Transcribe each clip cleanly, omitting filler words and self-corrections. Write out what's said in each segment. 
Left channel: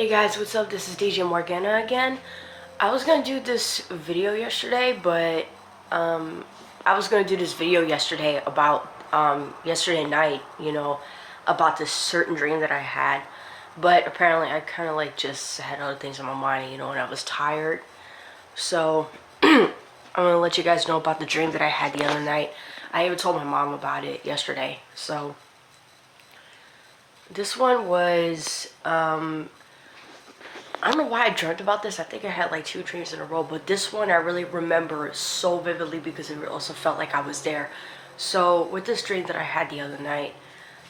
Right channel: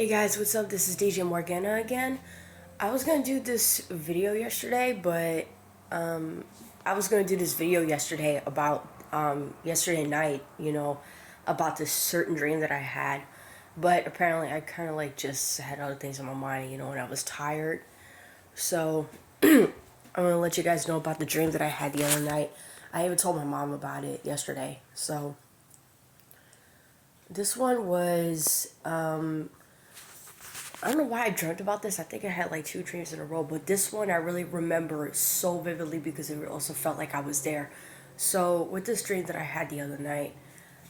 Hey guys, what's up? This is DJ Morgana again. I was gonna do this video yesterday, but I was gonna do this video yesterday about yesterday night, about this certain dream that I had. But apparently I kind of like just had other things on my mind, and I was tired. So I'm gonna let you guys know about the dream that I had the other night. I even told my mom about it yesterday. So this one was I don't know why I dreamt about this. I think I had like 2 dreams in a row, but this one I really remember so vividly because it also felt like I was there. So with this dream that I had the other night,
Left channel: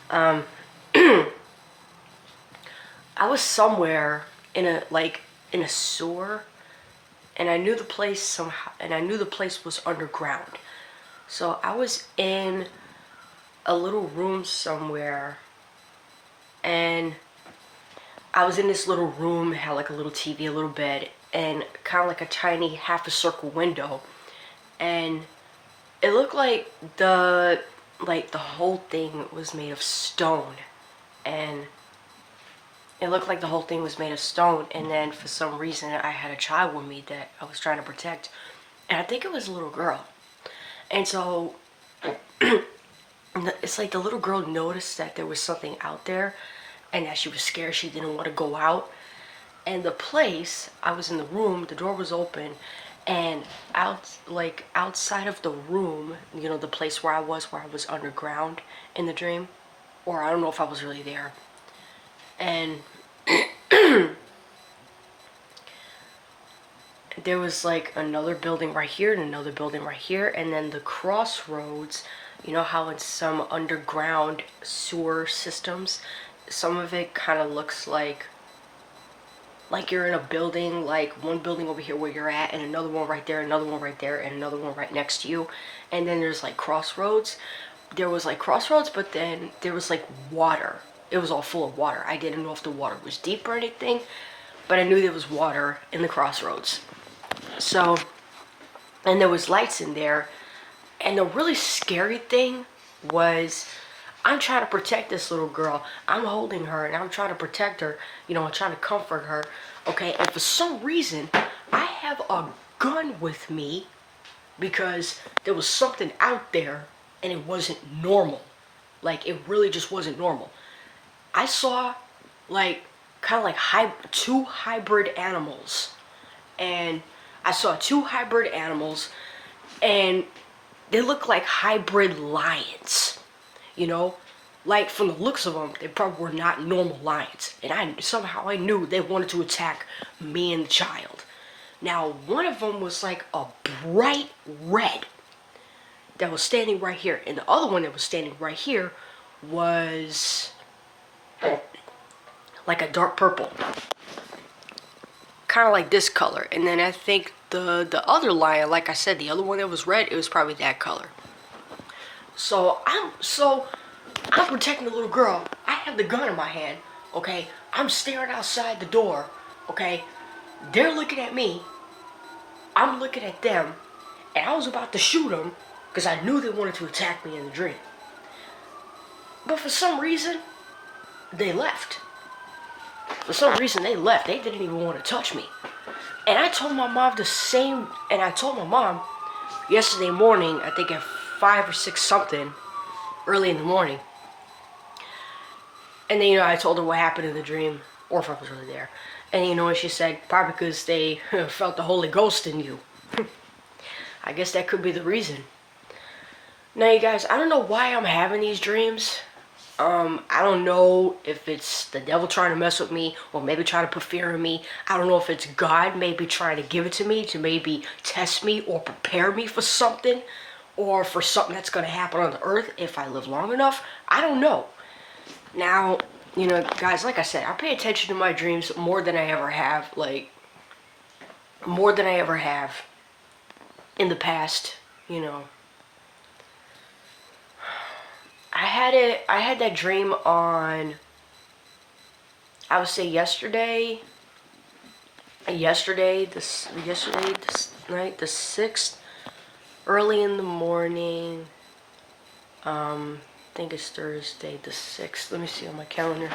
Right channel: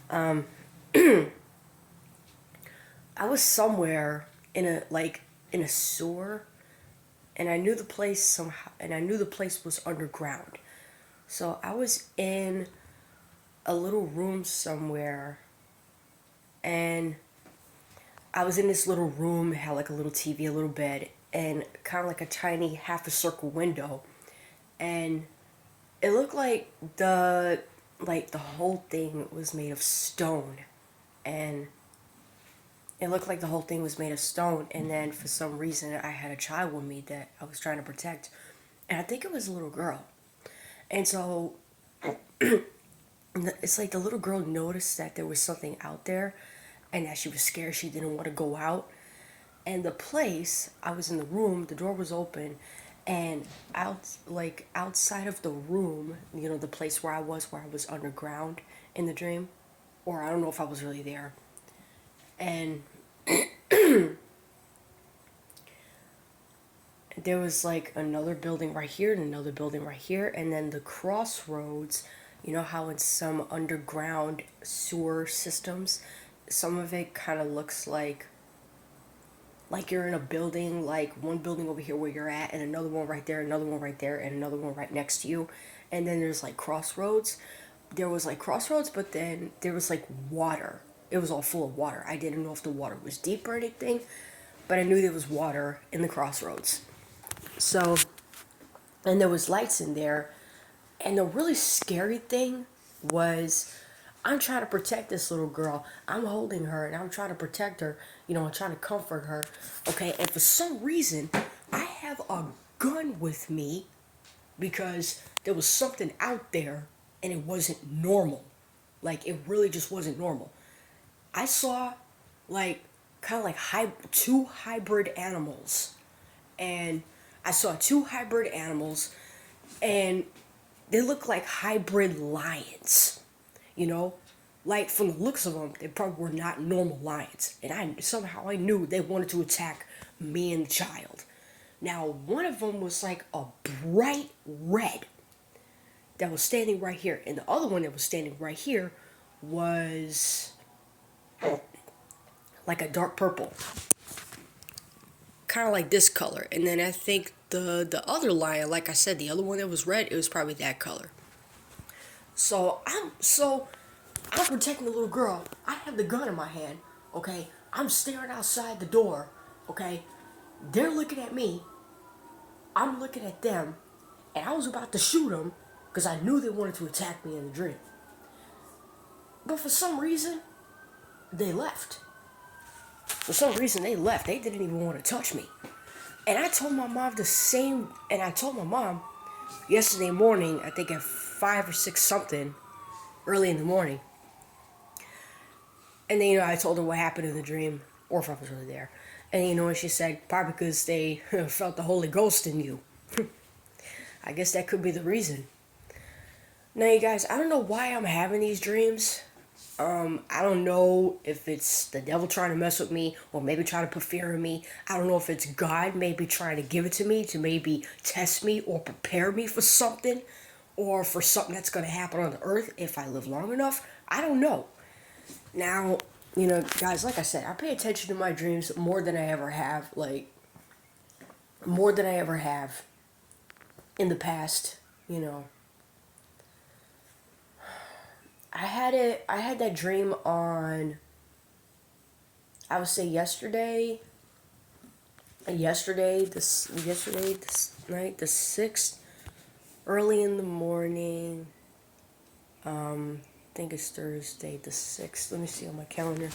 I was somewhere in a sewer, and I knew the place somehow, and I knew the place was underground. So I was in a little room somewhere, and I was in this little room, had like a little TV, a little bed, and kind of like a tiny half a circle window. And it looked like the whole thing was made of stone. And it looked like the whole thing was made of stone. And then for some reason I had a child with me that I was trying to protect. And I think it was a little girl. And so it's like the little girl noticed that there was something out there and that she was scared. She didn't want to go out. And the place, I was in the room, the door was open, and outside of the room, the place where I was underground in the dream, or I don't know if I was really there. And there was like another building right here and another building right here, and then the crossroads. You know how in some underground sewer systems, some of it kind of looks like you're in a building, like one building over here where you're at, and another one right there, another one right there, and another one right next to you. And then there's like crossroads. There was like crossroads, but then there was like water. It was all full of water. I didn't know if the water was deep or anything, but I knew there was water in the crossroads. So, and there was lights in there. And the really scary thing was, I'm trying to protect this little girl. I'm holding her and I'm trying to protect her. I'm trying to comfort her. Okay, and for some reason, I have a gun with me because there was something out there and it wasn't normal. Like, it really just wasn't normal. I saw, like, kind of like two hybrid animals. And I saw 2 hybrid animals, and they look like hybrid lions. Like, from the looks of them, they probably were not normal lions. And I knew they wanted to attack me and the child. Now, one of them was like a bright red that was standing right here, and the other one that was standing right here was like a dark purple, kind of like this color. And then I think the other lion, like I said, the other one that was red, it was probably that color. So I'm protecting the little girl. I have the gun in my hand, okay? I'm staring outside the door, okay? They're looking at me. I'm looking at them. And I was about to shoot them because I knew they wanted to attack me in the dream. But for some reason, they left. For some reason, they left. They didn't even want to touch me. And I told my mom yesterday morning, I think at 5 or 6 something, early in the morning. And then, I told her what happened in the dream, or if I was really there. And what she said? Probably because they felt the Holy Ghost in you. I guess that could be the reason. Now, you guys, I don't know why I'm having these dreams. I don't know if it's the devil trying to mess with me, or maybe trying to put fear in me. I don't know if it's God maybe trying to give it to me to maybe test me or prepare me for something, or for something that's going to happen on the earth if I live long enough. I don't know. Now, guys, like I said, I pay attention to my dreams more than I ever have, more than I ever have in the past, I had that dream on, I would say yesterday this night, the 6th, early in the morning. I think it's Thursday the 6th. Let me see on my calendar.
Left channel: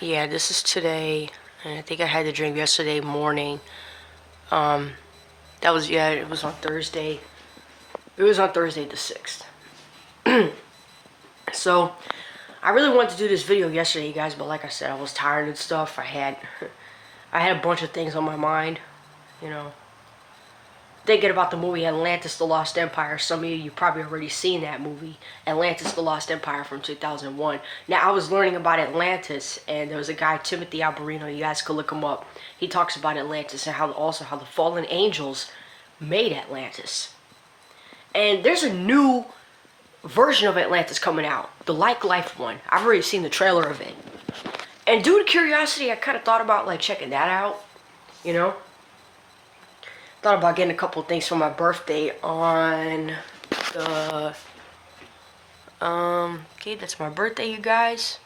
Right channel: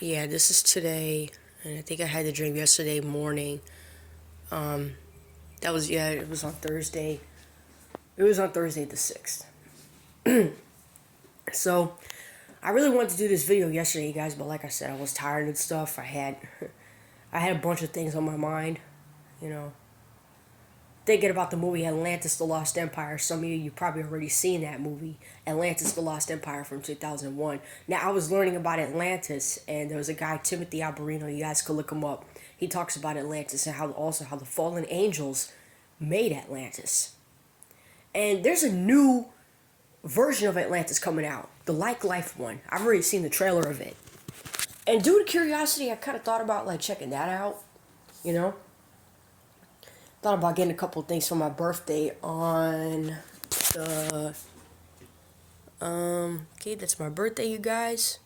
Yeah, this is today, and I think I had the drink yesterday morning. That was, yeah, it was on Thursday. It was on Thursday the 6th. So, I really wanted to do this video yesterday, you guys, but like I said, I was tired and stuff. I had a bunch of things on my mind, you know. Thinking about the movie Atlantis: The Lost Empire. Some of you probably already seen that movie, Atlantis: The Lost Empire from 2001. Now, I was learning about Atlantis, and there was a guy, Timothy Alberino, you guys could look him up. He talks about Atlantis and how the fallen angels made Atlantis. And there's a new version of Atlantis coming out, the Like Life one. I've already seen the trailer of it. And due to curiosity, I kind of thought about like checking that out, you know? Thought about getting a couple things for my birthday on the, okay, that's my birthday, you guys.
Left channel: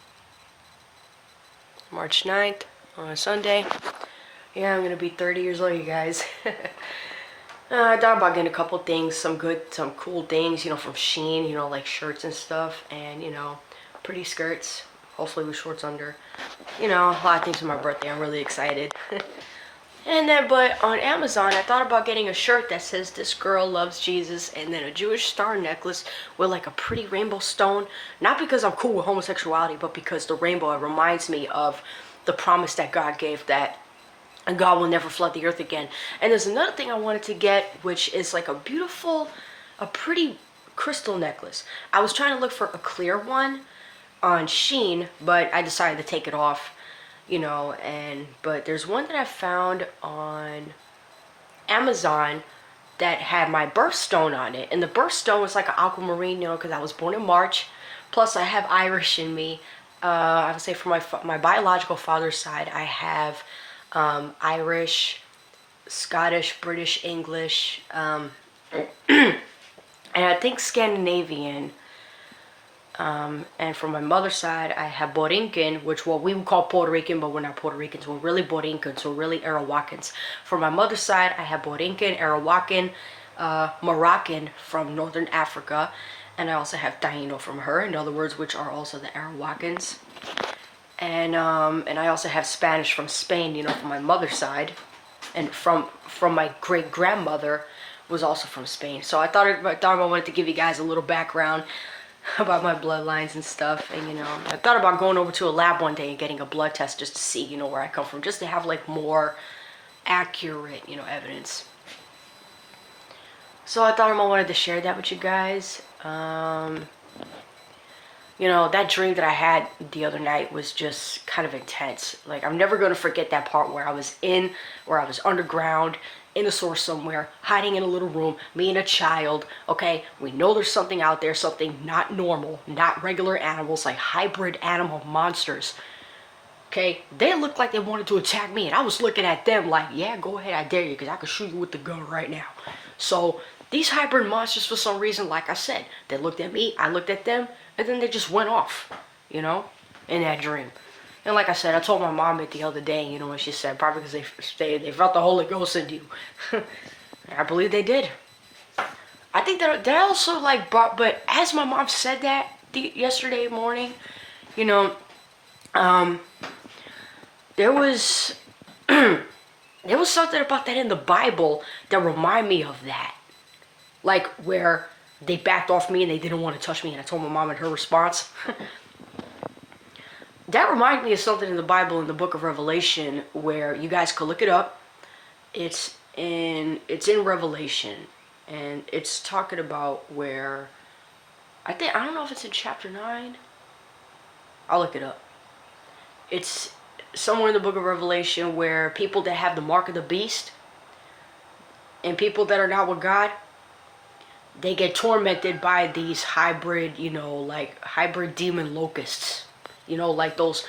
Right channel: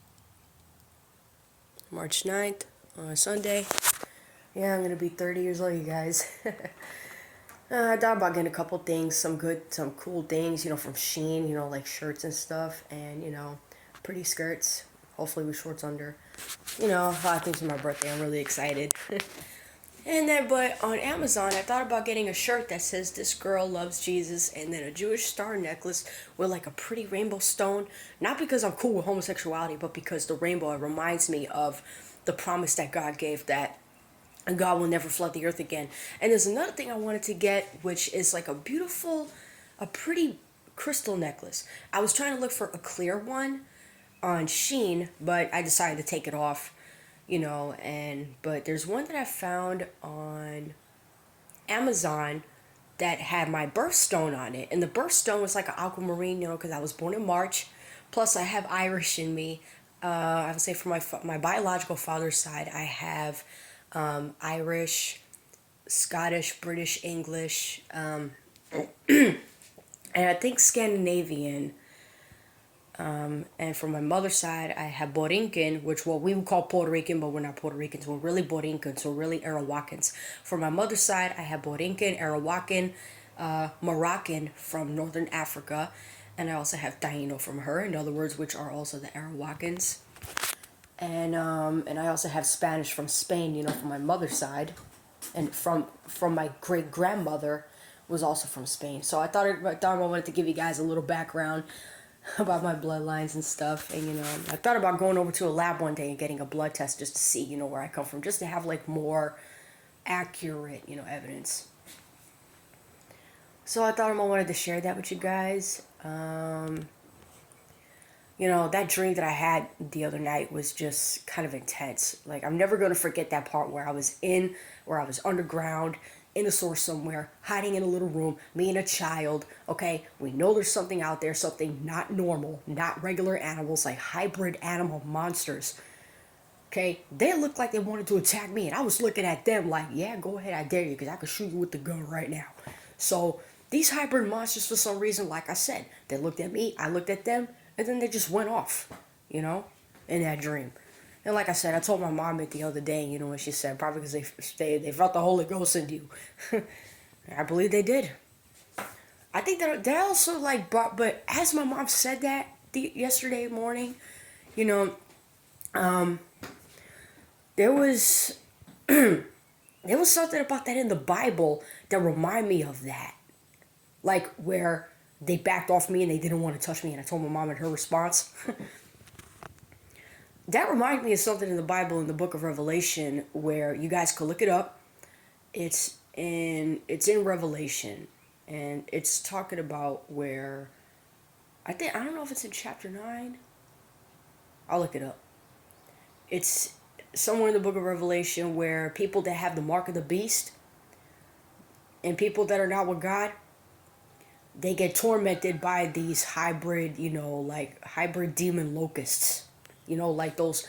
March 9th, on Sunday. Yeah, I'm gonna be 30 years old, you guys. I thought about getting a couple things, some cool things, you know, from Shein, you know, like shirts and stuff, and, you know, pretty skirts, hopefully with shorts under. You know, a lot of things for my birthday. I'm really excited. And then, but on Amazon, I thought about getting a shirt that says "This girl loves Jesus," and then a Jewish star necklace with like a pretty rainbow stone. Not because I'm cool with homosexuality, but because the rainbow, it reminds me of the promise that God gave, that God will never flood the earth again. And there's another thing I wanted to get, which is like a pretty crystal necklace. I was trying to look for a clear one on Shein, but I decided to take it off. You know, but there's one that I found on Amazon that had my birthstone on it, and the birthstone was like an aquamarine, you know, because I was born in March. Plus, I have Irish in me. I would say from my biological father's side, I have Irish, Scottish, British, English, and I think Scandinavian. And from my mother's side, I have Borinquen, which what we would call Puerto Rican, but we're not Puerto Ricans. We're really Borincans. We're really Arawakan. From my mother's side, I have Borinquen, Arawakan, Moroccan from Northern Africa, and I also have Taino from her, in other words, which are also the Arawakans. And I also have Spanish from Spain, you know, from my mother's side, and from my great grandmother was also from Spain. So I thought I wanted to give you guys a little background about my bloodlines and stuff, and you know, I thought about going over to a lab one day and getting a blood test just to see, you know, where I come from, just to have like more accurate, you know, evidence. So I thought I wanted to share that with you guys. You know, that dream that I had the other night was just kind of intense. Like, I'm never gonna forget that part where I was underground in a source somewhere, hiding in a little room, me and a child, okay? We know there's something out there, something not normal, not regular animals, like hybrid animal monsters, okay? They looked like they wanted to attack me, and I was looking at them like, yeah, go ahead, I dare you, because I can shoot you with the gun right now. So, these hybrid monsters, for some reason, like I said, they looked at me, I looked at them, and then they just went off, you know, in that dream. And like I said, I told my mom it the other day, you know, and she said, probably because they felt the Holy Ghost in you. I believe they did. I think that also like brought, but as my mom said that yesterday morning, you know, there was there was something about that in the Bible that reminded me of that. Like where they backed off me and they didn't want to touch me, and I told my mom, and her response that reminded me of something in the Bible, in the book of Revelation, where you guys could look it up. It's in Revelation, and it's talking about where I don't know if it's in chapter 9. I'll look it up. It's somewhere in the book of Revelation where people that have the mark of the beast and people that are not with God, they get tormented by these hybrid, you know, like hybrid demon locusts. You know, like those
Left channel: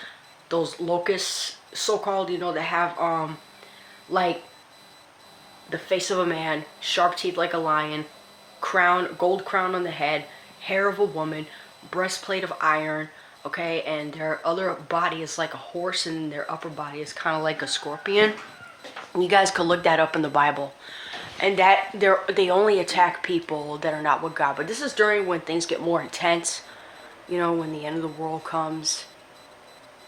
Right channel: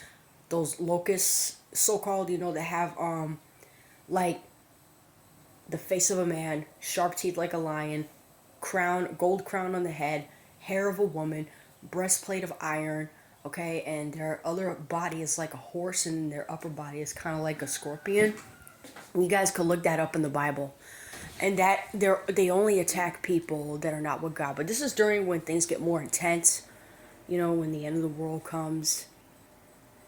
locusts, so-called, you know, that have, like, the face of a man, sharp teeth like a lion, gold crown on the head, hair of a woman, breastplate of iron, okay, and their other body is like a horse, and their upper body is kind of like a scorpion. You guys could look that up in the Bible. And that they only attack people that are not with God. But this is during when things get more intense. you know, when the end of the world comes,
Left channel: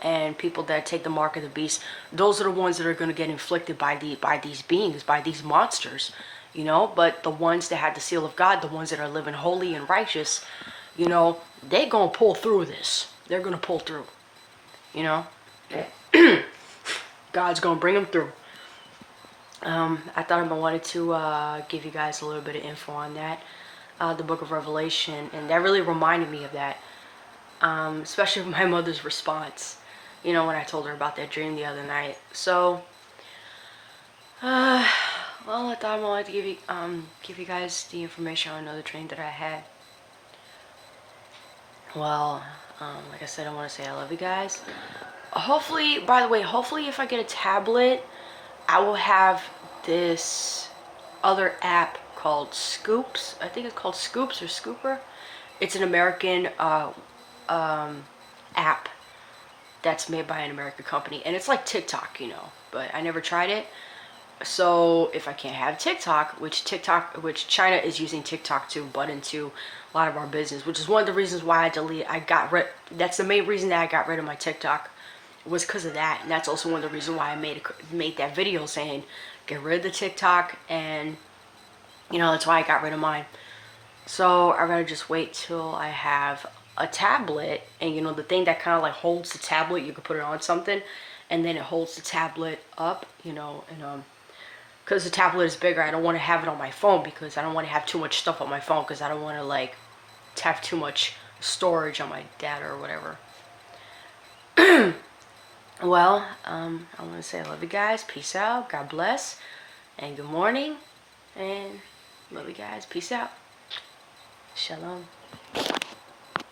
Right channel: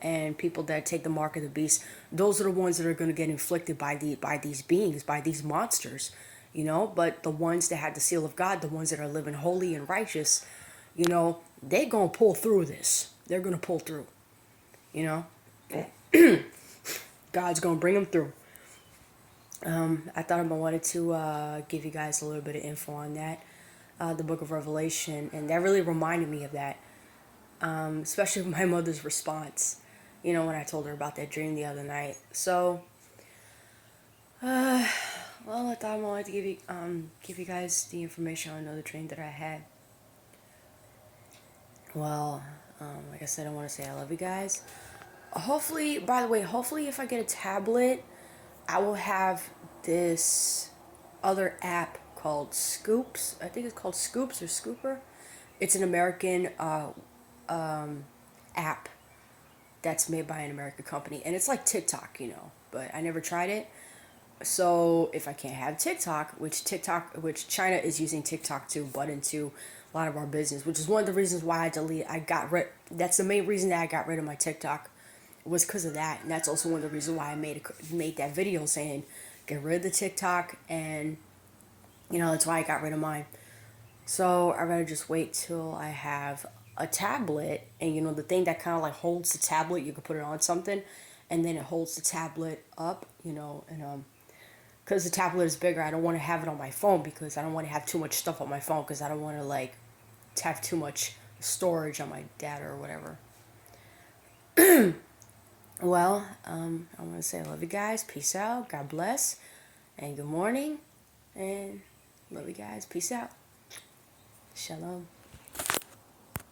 and people that take the mark of the beast, those are the ones that are going to get inflicted by these beings, by these monsters, you know. But the ones that had the seal of God, the ones that are living holy and righteous, you know, they gonna pull through this. They're gonna pull through, you know. God's gonna bring them through. I thought I wanted to give you guys a little bit of info on that, the book of Revelation, and that really reminded me of that, especially my mother's response, you know, when I told her about that dream the other night. So, well, I thought I wanted to give you guys the information on another dream that I had. Well, like I said, I want to say I love you guys. Hopefully, by the way, hopefully if I get a tablet, I will have this other app called Scoops. I think it's called Scoops or Scooper. It's an American app that's made by an American company, and it's like TikTok, you know, but I never tried it. So if I can't have which China is using TikTok to butt into a lot of our business, which is one of the reasons why that's the main reason that I got rid of my TikTok, was because of that. And that's also one of the reasons why I made that video saying get rid of the TikTok, and you know, that's why I got rid of mine. So I'd rather just wait till I have a tablet, and you know, the thing that kind of like holds the tablet, you can put it on something and then it holds the tablet up, you know. And because the tablet is bigger, I don't want to have it on my phone, because I don't want to have too much stuff on my phone, because I don't want to like have too much storage on my data or whatever. Well, I want to say I love you guys. Peace out. God bless. And good morning. And love you guys. Peace out. Shalom.